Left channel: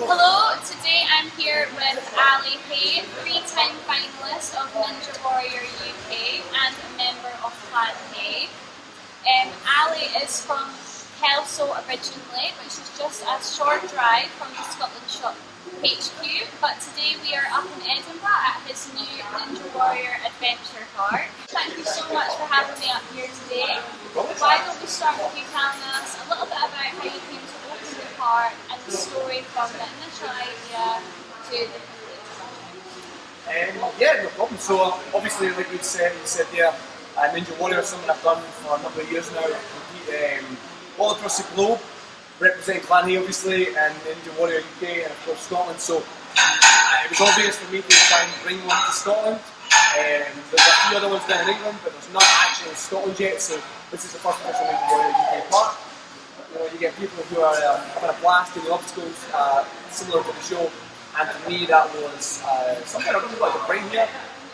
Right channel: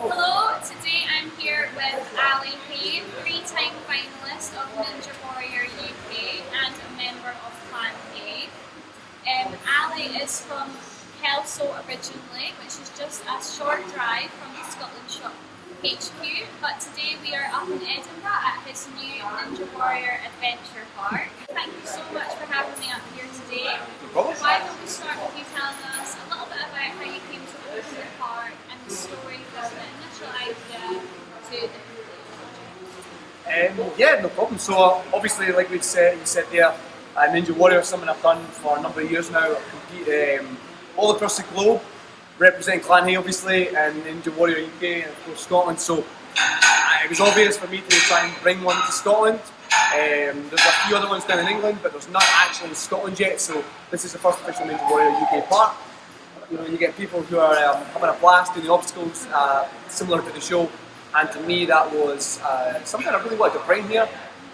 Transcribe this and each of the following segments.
Hello, today I'm here with Ali Hay, three-time finalist of Ninja Warrior UK and a member of Clan Hay. Ali is from Kelso originally, which is just a short drive from the Scotland Shop HQ, but today we are up in Edinburgh at his new Ninja Warrior Adventure Park. Thank you so much for having me up here today. Why don't we start with you telling us a little bit about how you came to open the park and the story from the initial idea to the completion? Yeah, no problem. So obviously, like you said there, Ninja Warrior is something I've done for a number of years now. I compete all across the globe, representing Clan Hay obviously, and Ninja Warrior UK, and of course Scotland. So it was obvious for me to try and bring one to Scotland. There's a few other ones down in England, but there's not actually in Scotland yet. So this is the first official Ninja Warrior UK park. You know, you get people who are having a blast doing the obstacles, similar to the show. And to me, that was something I really wanted to bring here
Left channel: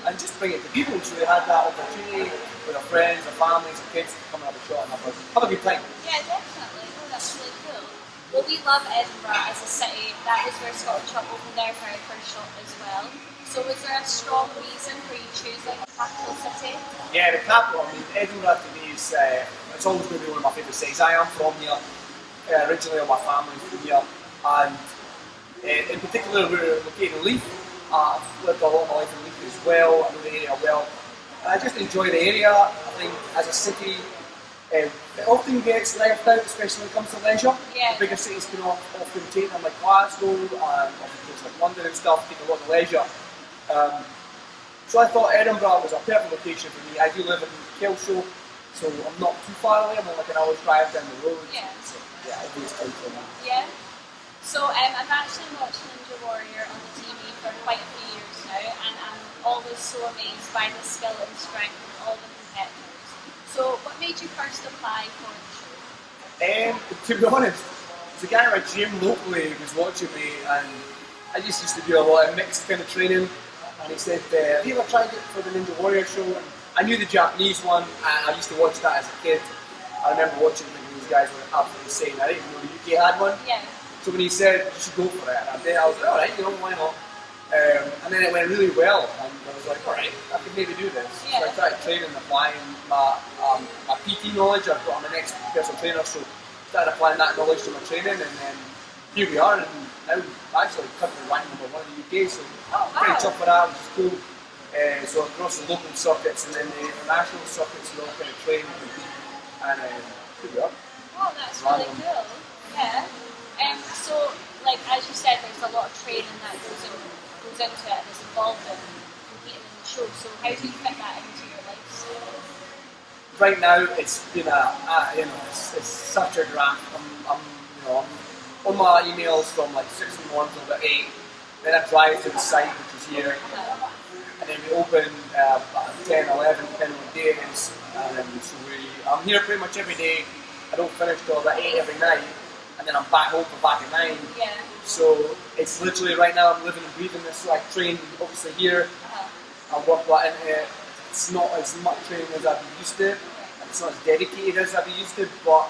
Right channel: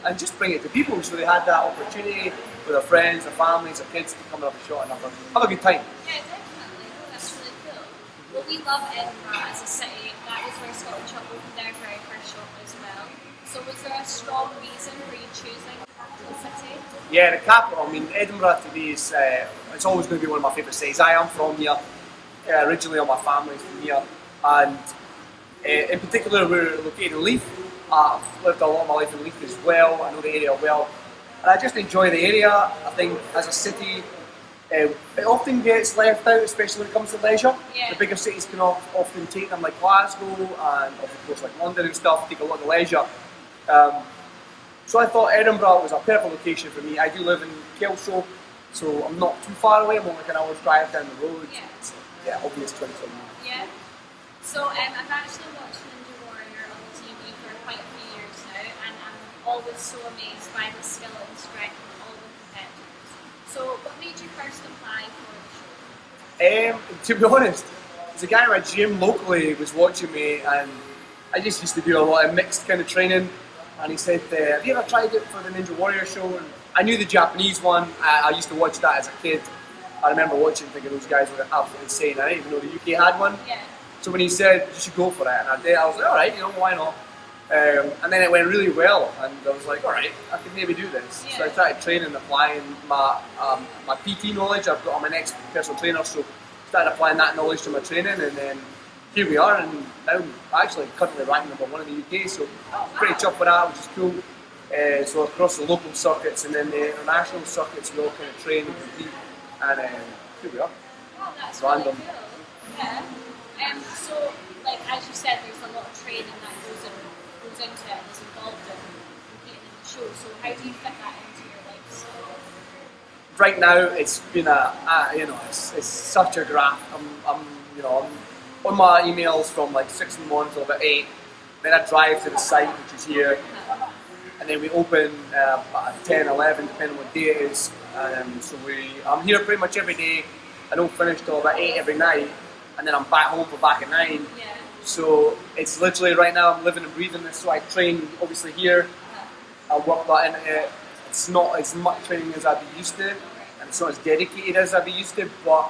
and just bring it to people, so they had that opportunity with their friends, their families, their kids to come and have a shot and have a good time. Yeah, definitely. That's really cool. Well, we love Edinburgh as a city. That was where Scotland Shop opened their very first shop as well. So was there a strong reason for you choosing a capital city? Yeah, the capital. I mean, Edinburgh to me is it's always going to be one of my favourite cities. I am from here. Originally, all my family's from here, and in particular, we're located in Leith. I've lived a lot of my life in Leith as well. I know the area well, and I just enjoy the area. I think as a city, it often gets left out, especially when it comes to leisure. Yeah. The bigger cities can often take them, like Glasgow and of course like London and stuff, take a lot of leisure. So I thought Edinburgh was a perfect location for me. I do live in Kelso, so I'm not too far away. I'm only like an hour's drive down the road. Yeah. So, yeah, obvious choice for me. Yeah. So I've actually watched Ninja Warrior on the TV for quite a few years now, and I'm always so amazed by the skill and strength of all the competitors. So what made you first apply for the show? To be honest, there's a guy in my gym locally who was watching me, and I just used to do a lot of mixed kind of training. And he said, have you ever tried it for the Ninja Warrior show? And I knew the Japanese one. I used to watch that as a kid. I remember watching, thinking those guys were absolutely insane. I didn't even know the UK had one. Yeah. So when he said, you should go for it, and I did, I was like, alright, why not? And then it went really well, and I was like, alright, I could maybe do this. Yeah. So I started training and applying my PT knowledge. I'm an ex-personal trainer, so started applying that knowledge to my training, and then here we are, and now I'm actually currently ranked #1 in the UK, so pretty chuffed with that, which is cool. So across the local circuits and then the international circuits, we all kind of train and compete, and here we are. Oh, that's Random. really cool. Yeah. So, like as you said, there's a lot of training that goes into it and is involved in competing in the show. So how do you fit that into your life? So, Right now, it's been it's such a graft. I'm on my emails from like 6 in the morning till about 8. Then I drive to the site, which is here, and then we open at 10, 11, depending on what day it is. So I'm here pretty much every day. I don't finish till about 8 every night, and then I'm back home for back at 9. yeah. So it's literally right now I'm living and breathing this. So I train obviously here. I work that in. It's not as much training as I'd be used to, and it's not as dedicated as I'd be used to. But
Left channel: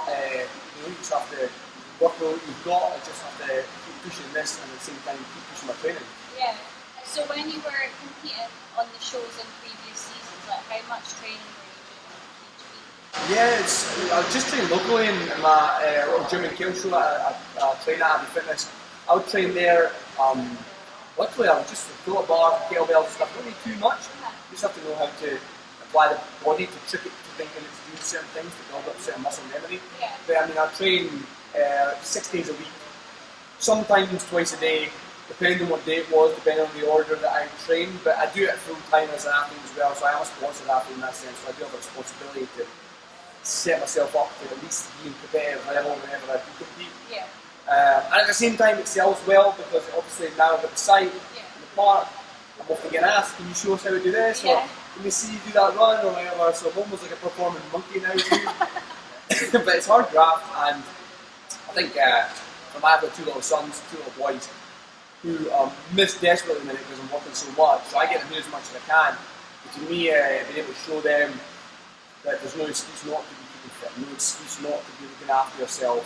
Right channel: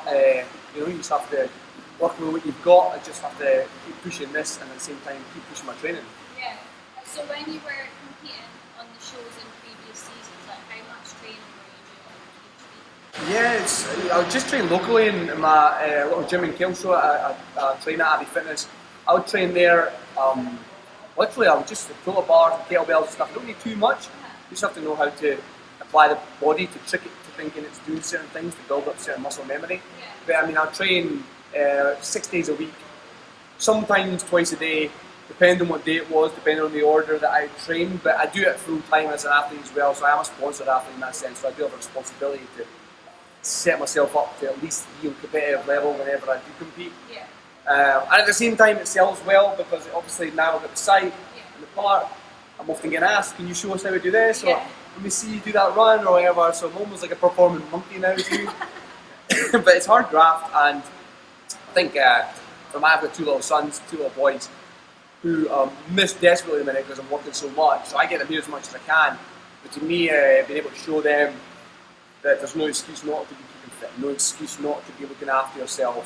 you just have to work with what you've got. I just have to keep pushing this, and at the same time keep pushing my training. Yeah. So when you were competing on the shows in previous seasons, like how much training were you doing each week? Yeah, I just train locally in my little gym in Kelso. I train at Abbey Fitness. I would train there. Literally, I would just pull a bar, kettlebells and stuff. You don't need too much. You just have to know how to apply the body to trick it to thinking it's doing certain things to build up certain muscle memory. Yeah. But I mean, I train 6 days a week, sometimes twice a day, depending on what day it was, depending on the order that I train. But I do it full time as an athlete as well, so I am a sponsored athlete in that sense. So I do have a responsibility to set myself up to at least be on competitive level whenever I do compete. Yeah. And at the same time, it sells well because obviously now I've got the site and the park. I'm often getting asked, "Can you show us how to do this?" Or "Let me see you do that run," or whatever. So I'm almost like a performing monkey now too. But it's hard graft, and I think I've got 2 little sons, 2 little boys, who miss desperately at the minute because I'm working so much. So I get them here as much as I can. But to me, being able to show them that there's no excuse not to be keeping keeping fit. No excuse not to be looking after yourself.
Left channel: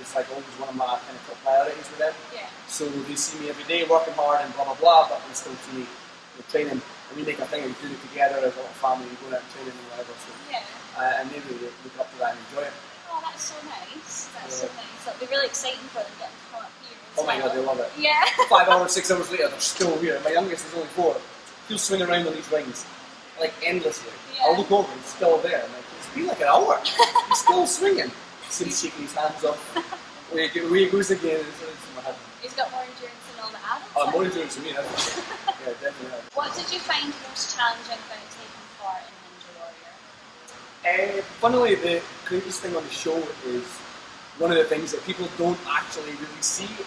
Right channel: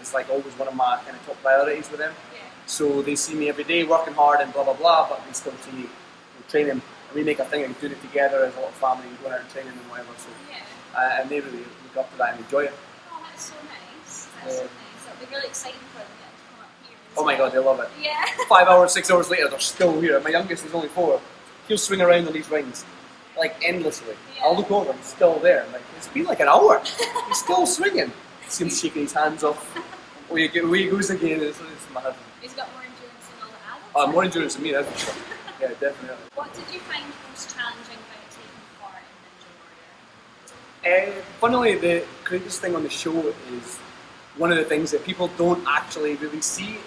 It's like always one of my kind of top priorities with them. Yeah. So they see me every day working hard and blah blah blah, but they still see me training, and we make a thing of doing it together as a little family, going out and training and whatever. So Yeah. and they really look up to that and enjoy it. Oh, that's so nice. That's so nice. That'll be really exciting for them to come up here. Oh my god, they love it. Yeah. 5 hours, 6 hours later, they're still here. My youngest is only 4. He'll swing around on these rings, like endlessly. Yeah. I'll look over, he's still there. I'm like, it's been like an hour. He's still swinging. See him shaking his hands off. Away he goes again. It's mad. He's got more endurance than all the adults. More endurance than me, that's for sure. Yeah, definitely. What did you find most challenging when taking part in Ninja Warrior? Funnily, the greatest thing on the show is one of the things that people don't actually really see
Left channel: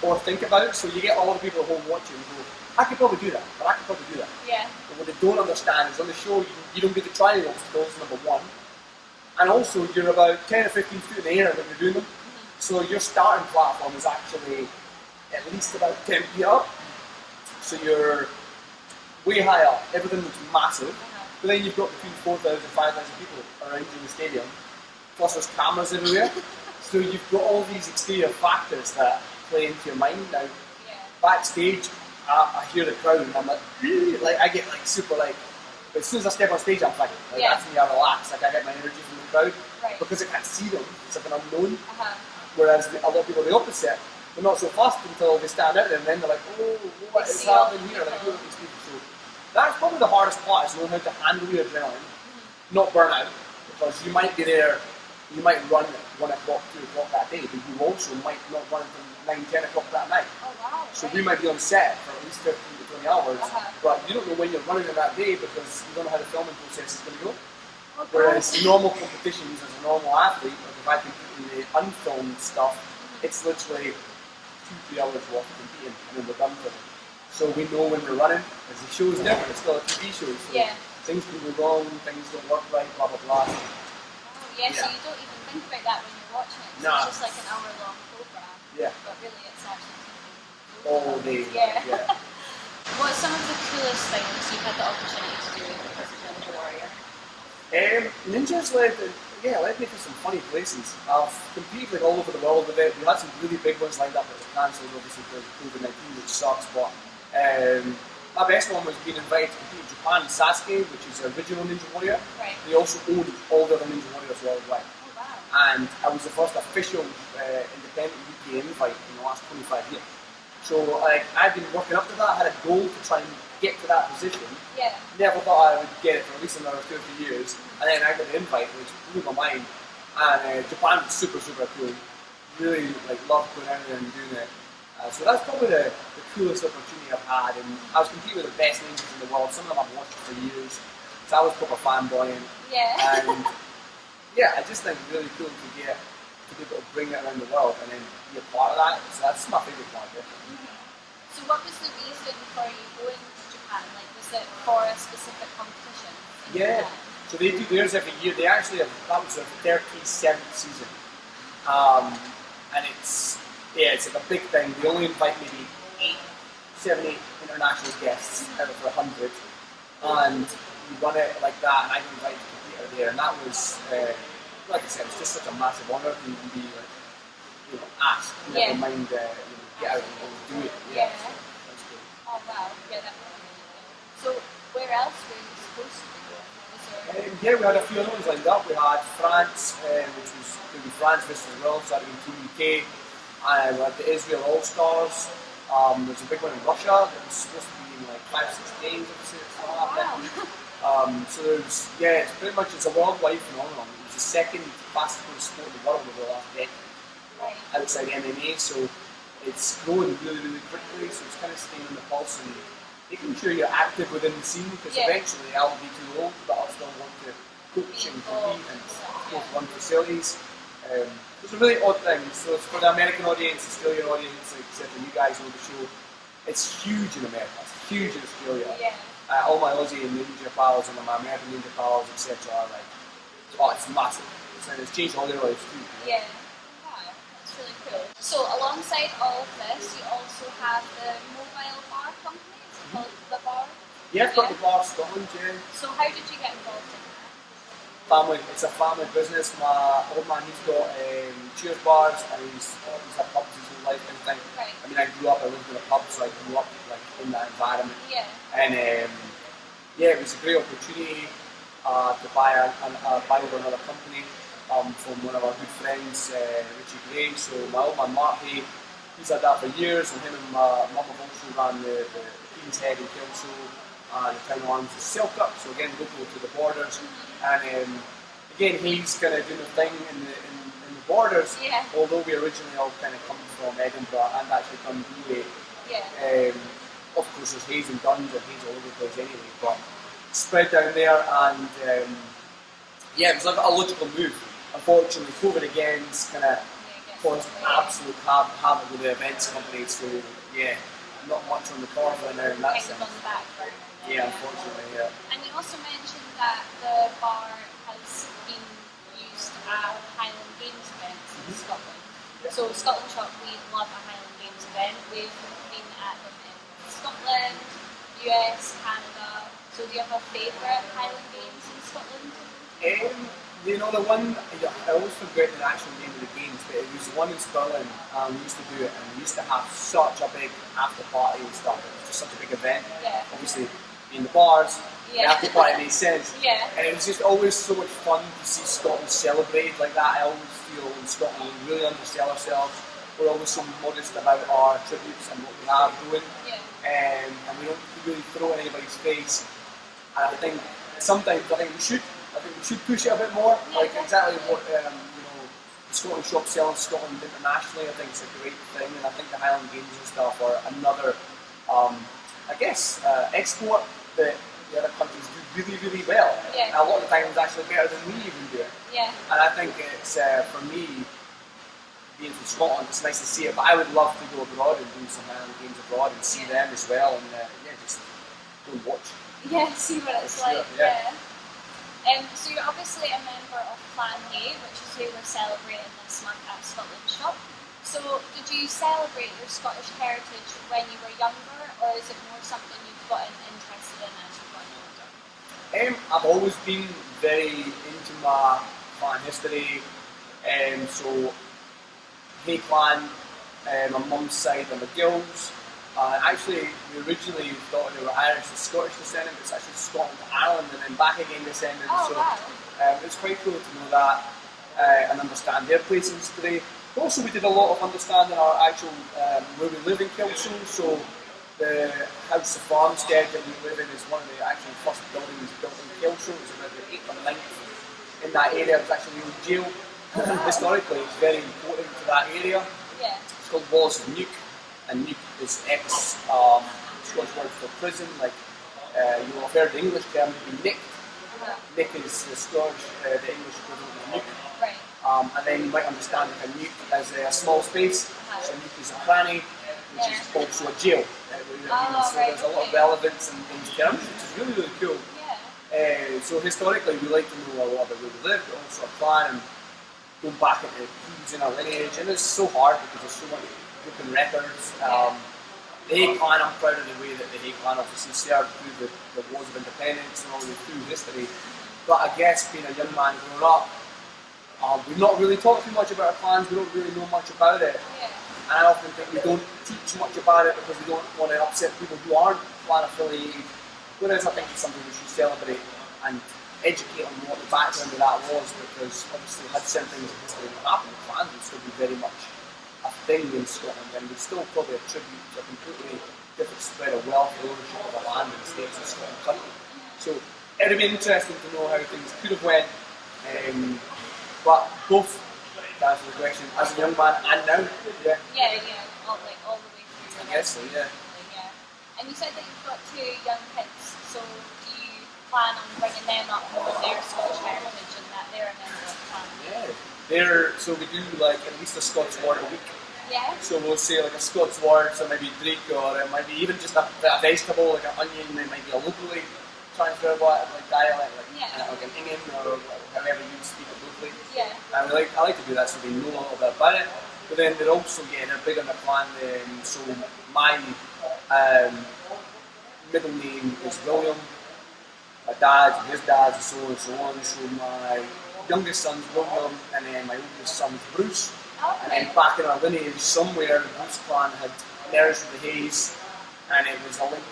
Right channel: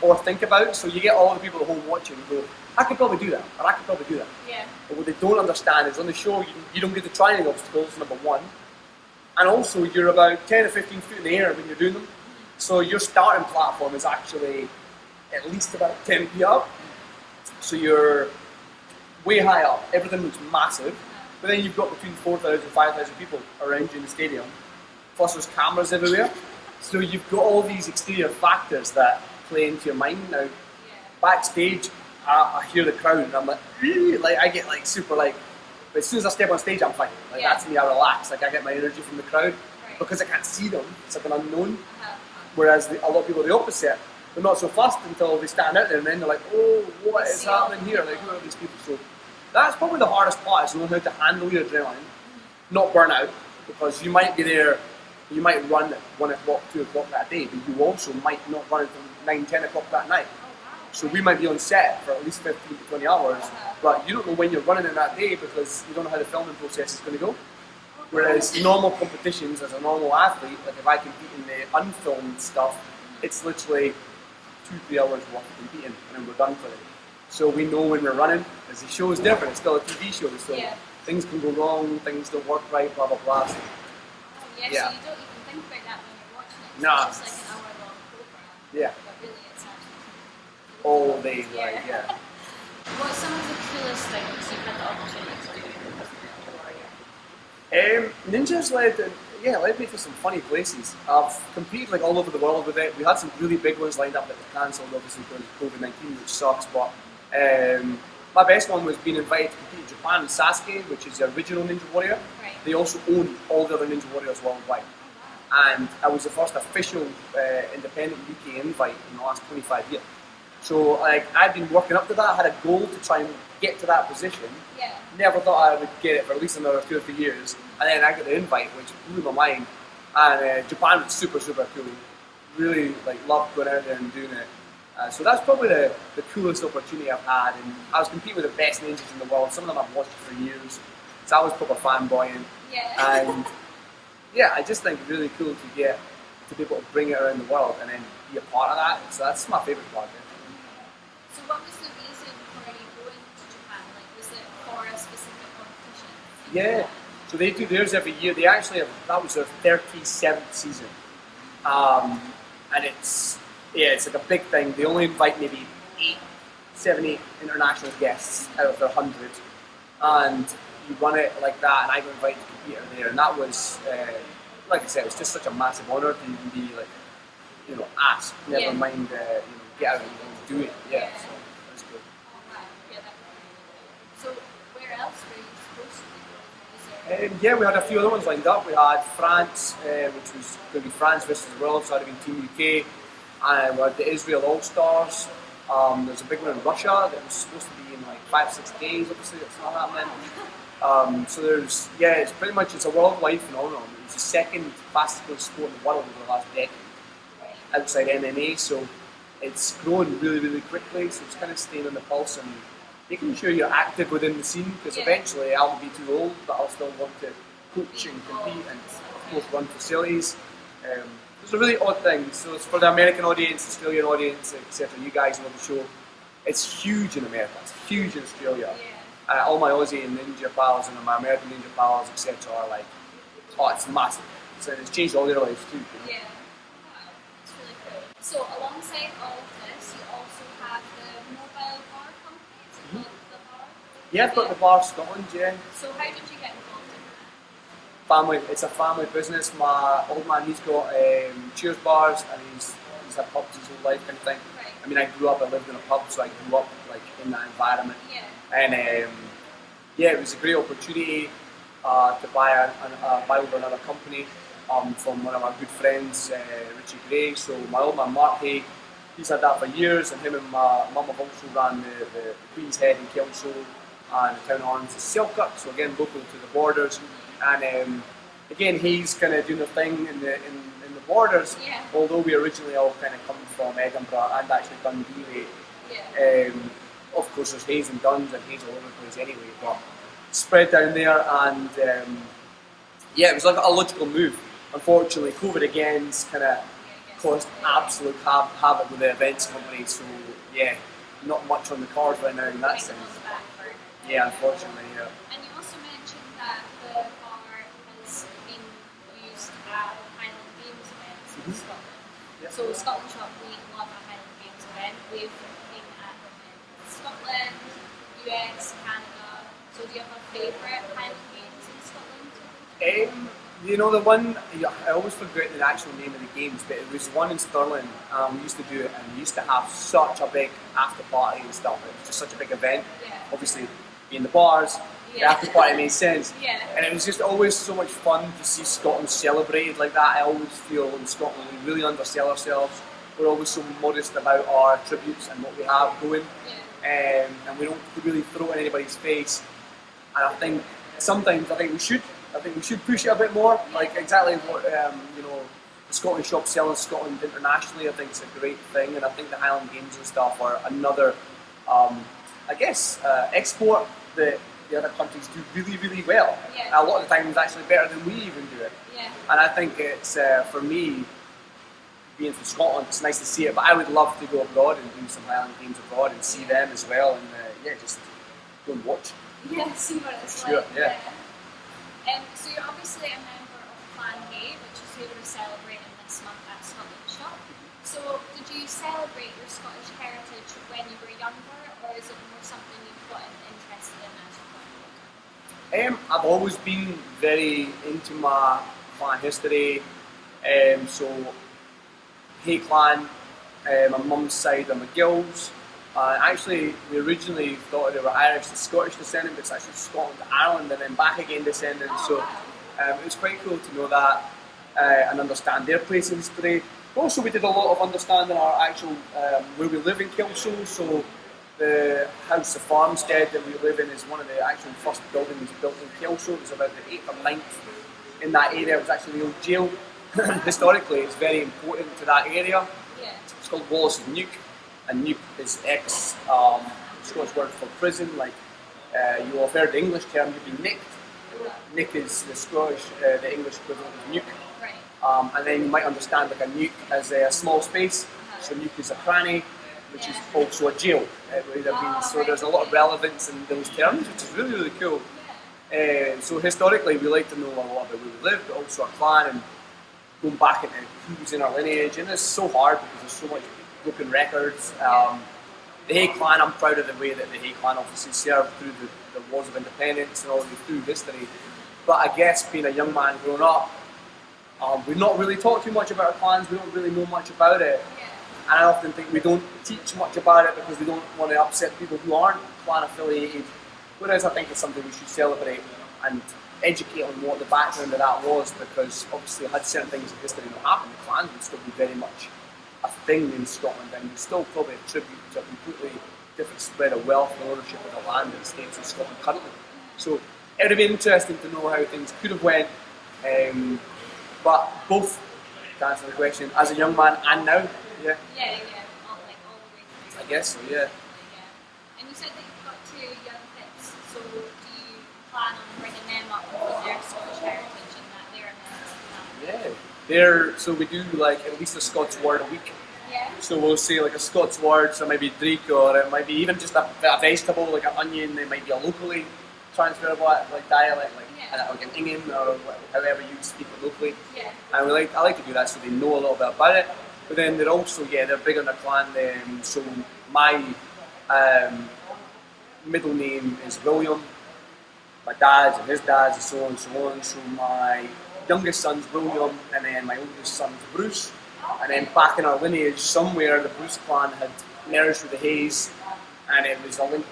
or think about. So you get all the people at home watching and go, I could probably do that, or I could probably do that. Yeah. But what they don't understand is on the show, you don't get to try any obstacles, number one. And also, you're about 10 or 15 feet in the air when you're doing them. So your starting platform is actually at least about 10 feet up. So you're way high up. Everything looks massive. But then you've got between 4,000 and 5,000 people around you in the stadium. Plus there's cameras everywhere. So you've got all these exterior factors that play into your mind. Now, backstage, I hear the crowd and I'm like, "Ew," like I get like super like, but as soon as I step on stage, I'm fine. Like that's me, I relax. Like I get my energy from the crowd because I can't see them. It's like an unknown. Whereas a lot of people are the opposite. They're not so fussed until they stand out there and then they're like, oh, what is happening here? Like, who are these people? So that's probably the hardest part, is knowing how to handle your adrenaline, not burn out, because you might be there, you might run at 1 o'clock, 2 o'clock that day, but you also might not run until 9, 10 o'clock that night. So we might be on set for at least 15 to 20 hours, but you don't know when you're running in that day because you don't know how the filming process is going to go. Whereas normal competitions, as a normal athlete, like if I compete in the unfilmed stuff, it's literally 2-3 hours worth of competing and then we're done for it. So we know when we're running, as the show is different, it's still a TV show, so things can go wrong, things don't work right, blah blah blah. So, so you don't even think about that when you're watching it. Nah. It's just like an hour-long program. Yeah. But really, it's actually all day, What's some of the coolest things you've had the opportunity to do as a Ninja Warrior? Ninja's led me to some funny places. I've competed like all over the world with it. We had some really big ones lined up that were cancelled, obviously because of COVID-19, which sucks. But my best one was being invited to compete in Japan in Sasuke, which is the original Ninja Warrior. Right. They also own all the other Ninja Warriors worldwide. Oh, wow. And I was the first official independent UK invite in the last 25 years. So like I'd been working up to that, I had a goal to try and get to that position. Yeah. Never thought I would get it for at least another 2 or 3 years. And then I got the invite, which blew my mind. And Japan was super, super cool. Really loved going out there and doing it. So that's probably the coolest opportunity I've had. And I was competing with the best ninjas in the world. Some of them I've watched for years. So I was proper fanboying. Yeah. And I just think really cool to get to be able to bring it around the world and then be a part of that. So that's my favourite part of it. So what was the reason for you going to Japan? Like, was it for a specific competition? Yeah. So they do theirs every year. They actually that was their 37th season. And it's like a big thing. They only invite maybe 7, 8 international guests out of their 100. And you run it like that, and I got invited to compete out there. And that was, like I said, it was just such a massive honour to even be asked. Never mind, get out and go do it. Yeah. So that's good. Oh wow, yeah, so where else were you supposed to be going? We had a few other ones lined up. We had France, which was going to be France versus the world, so that would have been Team UK. And we had the Israel All-Stars. There's a big one in Russia that was supposed to be in 5-6 days, obviously that's not happening. So there's, it's a worldwide phenomenon. It's the second fastest growing sport in the world over the last decade, outside MMA, so it's growing really, really quickly, so it's kind of staying on the pulse and making sure you're active within the scene, because eventually I'll be too old, but I'll still want to coach and compete and of course run facilities. It's a really odd thing, so it's for the American audience, Australian audience, etc. You guys know the show. It's huge in America, it's huge in Australia. All my Aussie and Ninja pals and my American Ninja pals, etc. are like, oh, it's massive. It's changed all their lives too. Yeah. That's really cool. So alongside all of this, you also have the mobile bar company. Is it called The Bar? Yeah, I've got the Bar Scotland, yeah. So how did you get involved family. It's a family business. My old man, he's got cheers bars, and he's had pubs his whole life, kind of thing. Right. I mean, I lived in a pub, so I grew up like in that environment. Yeah. And yeah, it was a great opportunity to buy over another company from one of our good friends, Richie Gray. So my old man Mark, he's had that for years, and him and my mum have also ran the Queen's Head in Kelso, and the Town of Arms is Selkirk, so again local to the borders. And again, he's kind of doing the thing in the borders. Yeah. Although we originally all kind of come from Edinburgh and actually Dundee way. Yeah. Of course, there's Hayes and Duns and Hayes all over the place anyway, but spread down there, and yeah, it was like a logical move. Unfortunately, COVID again's kind of caused absolute havoc with the events company, so yeah, not much on the cards right now in that sense. On the back burner. Yeah, unfortunately, yeah. And you also mentioned that the bar has been used at Highland Games events in Scotland. Yeah. So Scotland Shop, we love a Highland Games event. We've been at them in Scotland, US, Canada. So do you have a favourite Highland Games in Scotland? You know, the one, I always forget the actual name of the games, but it was one in Stirling. We used to do it, and we used to have such a big after party and stuff. It was just such a big event. Yeah. Obviously, in the bars, the Yeah. after party made sense. Yeah. And it was just always so much fun to see Scotland celebrated like that. I always feel in Scotland we really undersell ourselves. We're always so modest about our tributes and what we have going. Yeah. And we don't really throw it in anybody's face. And I think sometimes we should. I think we should push it a bit more. Like exactly what you know, the Scottish shop selling Scotland internationally. I think it's a great thing, and I think the Highland Games and stuff are another, I guess, export that the other countries do really, really well. Yeah. And a lot of the times actually better than we even do it. Yeah. And I think it's for me, being from Scotland, it's nice to see it. But I would love to go abroad and do some Highland Games abroad and see them as well, and yeah, just go and watch. Yeah, see what it's Sure, like. yeah. So you're obviously a member of Clan Hay, which is who we're celebrating this month at Scotland Shop. So did you celebrate your Scottish heritage when you were younger, or is it more something you've gotten interested in as you've grown older? I've always been very into my clan history. So Hay clan, my mum's side are McGill's. Actually, we originally thought they were Irish and Scottish descendant, but it's actually Scotland to Ireland and then back again descendant. So it's quite cool to know that and understand their place in history. But also, we did a lot of understanding our actual where we live in Kelso. So the house, the farmstead that we live in, is one of the actually first buildings built in Kelso. It was about the 8th or 9th in that area. It was actually the old jail. Historically, it's very important to that area. Yeah. It's called Wallace's Nuke. And nuke is Scottish word for prison. Like you will have heard the English term to be nicked. Nick is the the English equivalent of nuke. Right. And then you might understand that a nuke as a small space. So nuke is a cranny, which is also a jail. It would have been. So there's a lot of relevance in those terms, which is really, really cool. Yeah. So historically, we like to know a lot about where we live, but also our clan and going back into who's in our lineage. And it's so hard because there's so much broken records. The Hay clan, I'm proud of the way that the Hay clan obviously served through the wars of independence and all the way through history. But I guess being a young man growing up, we've not really talked too much about our clans. We don't really know much about it. Yeah. And I often think we don't teach much about it because we don't want to upset people who aren't clan affiliated. Whereas I think it's something we should celebrate and educate on what the background of that was, because obviously had certain things in history not happened, the clans would still be very much a thing in Scotland, and would still probably attribute to a completely different spread of wealth and ownership of the land and the states in Scotland currently. So it would be interesting to know how things could have went, but both, to answer the question, as a young man and now, yeah. Yeah, yeah, all the way through. I guess so, yeah. Yeah. And you said that you've got 2 young kids, so do you plan on bringing them up with their Scottish heritage and that they're a member of Clan? Yeah. So we do like at least a Scots word a week. Yeah. So we'll say like a Scots word, so maybe drake, or it might be even just a vegetable like an onion. It might be a locally transferable like dialect, like an Ingham or however you speak it locally. Yeah. And I like to do that so they know a little bit about it. But then they're also they're big on the clan. So my middle name is William. my dad's and his dad's and so on and so on. So my youngest son's William, and then my oldest son's Bruce. And then back in our lineage, somewhere the Bruce clan had merged with the Hayes, and it was a link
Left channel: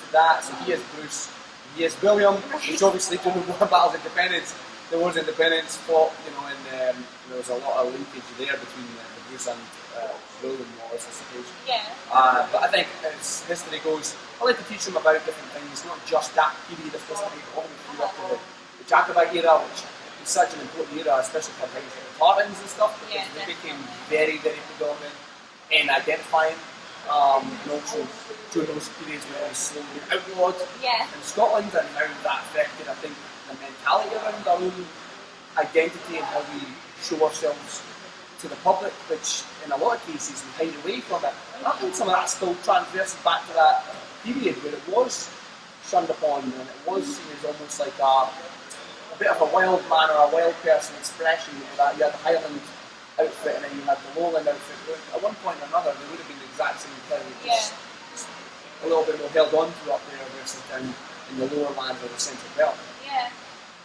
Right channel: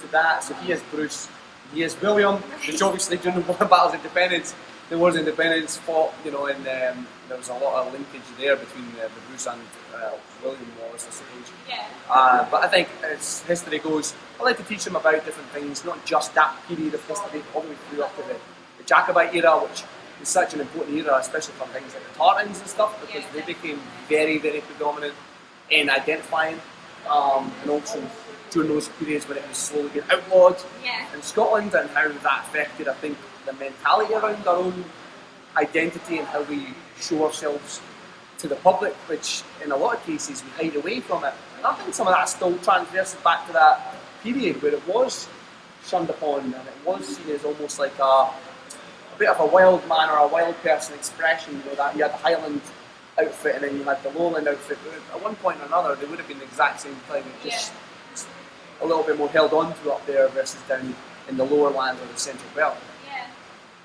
to that. So he is Bruce, he is William, which obviously during the Battles of Independence, there was independence fought, you know, and there was a lot of linkage there between the Bruce and William Wallace, I suppose. Yeah. But I think as history goes, I like to teach them about different things, not just that period of history, all the way through up to the Jacobite era, which is such an important era, especially for things like the Tartans and stuff, because they became very, very predominant in identifying, and also during those periods when it was slowly getting outlawed in Scotland, and how that affected, I think, the mentality around our own identity and how we show ourselves to the public, which in a lot of cases we hide away from it. And I think some of that still transverses back to that period where it was shunned upon and it was seen as almost like a bit of a wild man or a wild person expression. You know, that you had the Highland outfit and then you had the Lowland outfit. At one point or another, they would have been the exact same thing. It just a little bit more held on to up there versus down in the lower lands or the central belt. Yeah.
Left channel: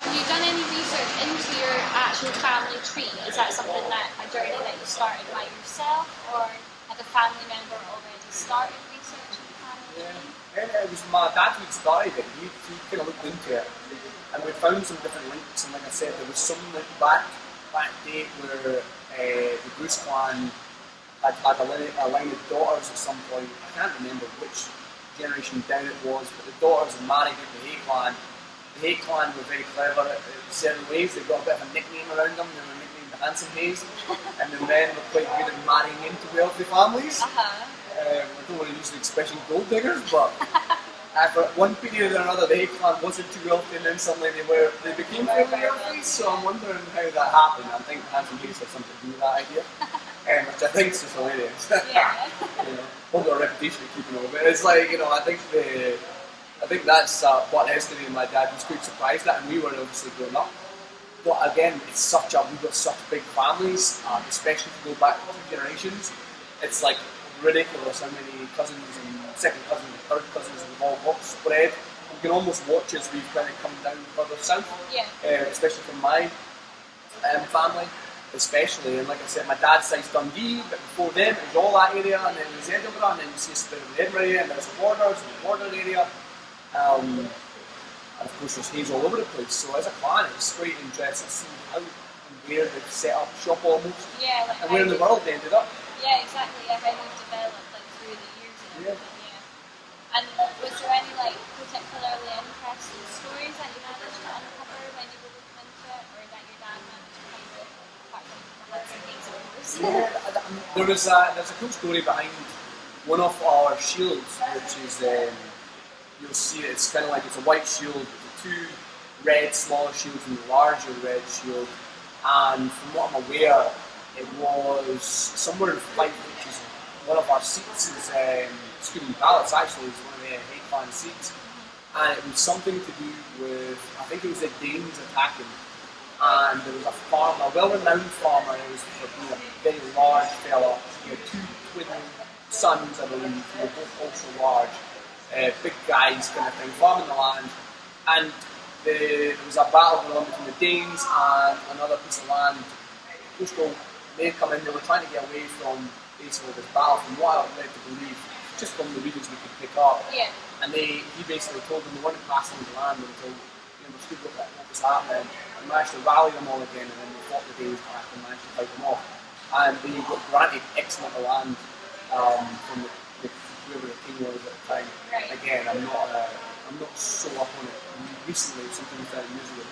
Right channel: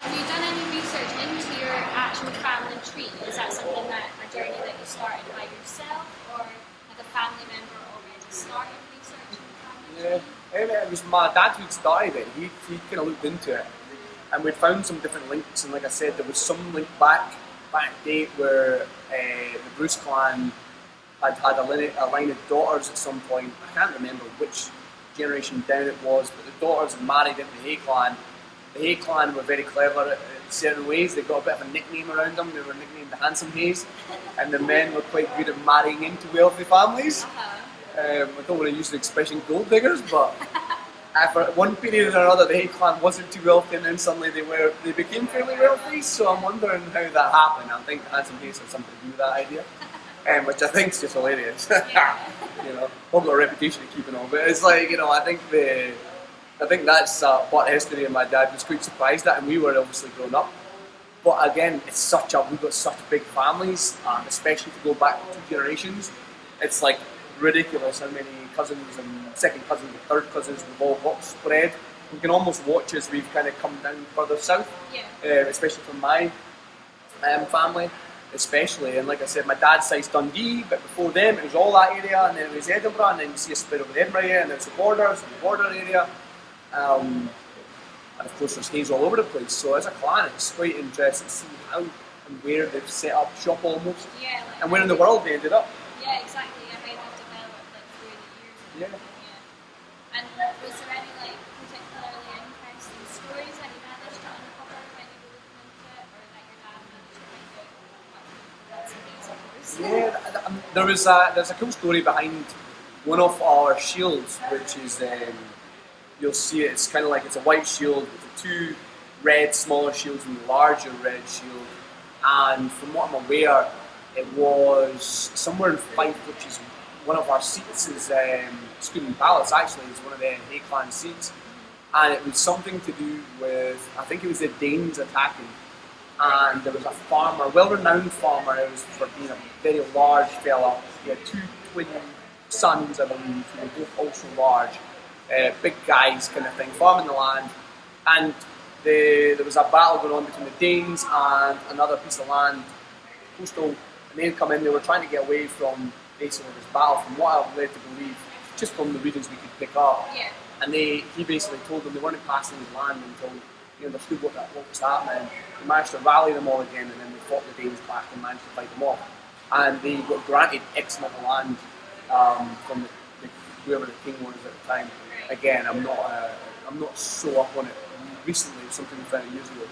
Have you done any research into your actual family tree? Is that something that a journey that you started by yourself, or had a family member already started researching the family tree? Yeah, it was my dad who started it. He kind of looked into it, and we found some different links. And like I said, there was some link back date where the Bruce clan had a line of daughters at some point. I can't remember which generation down it was, but the daughters had married into the Hay clan. The Hay clan were very clever in certain ways. They got a bit of a nickname around them. They were nicknamed the Handsome Hays, and the men were quite good at marrying into wealthy families. I don't want to use the expression gold diggers, but for one period or another, the Hay clan wasn't too wealthy, and then suddenly they became fairly wealthy. So I'm wondering how that happened. I think the Handsome Hays had something to do with that idea. Which I think is just hilarious. You know, I've got a reputation of keeping all, but it's like, you know, I think that's part of history, and my dad was quite surprised at, and we were obviously growing up. But again, we've got such big families, especially if you go back 2 generations. It's like ridiculous how many cousins and second cousins and third cousins we've all got spread. You can almost watch as we've kind of come down further south, especially from my family. Especially, and like I said, my dad's side's Dundee, but before them it was all that area, and then it was Edinburgh, and then you see a split over the Edinburgh area, and then it's the border area, and of course there's Hayes all over the place. So as a clan, it's quite interesting to see how and where they've set up shop almost, and where in the world they ended up. Yeah, exactly. How they've developed through the years. And was there any particularly interesting stories that you managed to uncover when you were looking into it, or that your dad managed to kind of? There's a cool story behind one of our shields, which is you'll see it's kind of like it's a white shield with the 2 red smaller shields and the larger red shield. And from what I'm aware, it was somewhere in Fife, which is one of our seats. Is Scooting Palace actually is one of the Hay clan seats, and it was something to do with, I think it was the Danes attacking. And there was a farmer, a well-renowned farmer. It was for being a very large fella. He had 2 twin sons, I believe, who were both also large, big guys kind of thing, farming the land. And there was a battle going on between the Danes and another piece of land, coastal. And they'd come in, they were trying to get away from basically this battle, from what I've led to believe, just from the readings we could pick up. And he basically told them they weren't passing the land until they understood what was happening. They managed to rally them all again, and then they fought the Danes back and managed to fight them off. And they got granted X amount of land from whoever the king was at the time. Again, I'm not so up on it. Recently, something we found years ago.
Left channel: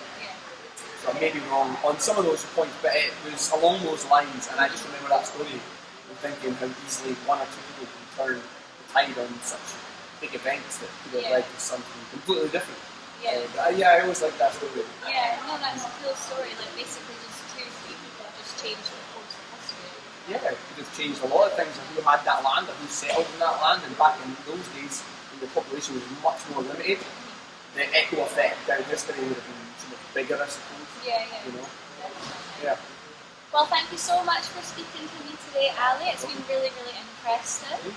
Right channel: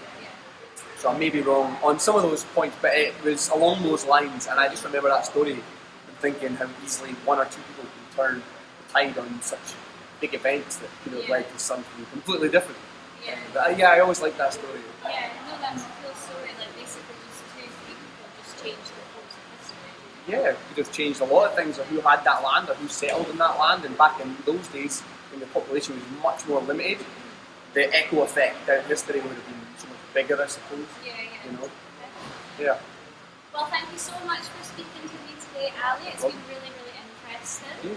So I may be wrong on some of those points, but it was along those lines. And I just remember that story and thinking how easily 1 or 2 people can turn the tide on such big events that could have led to something completely different. But I always like that story. That's a cool story that basically just 2 or 3 people just changed the course of history. It could have changed a lot of things, of who had that land or who settled in that land. And back in those days, when the population was much more limited, the echo effect down history would have been so much bigger, I suppose. You know? Well, thank you so much for speaking to me today, Ali. It's been really, really interesting.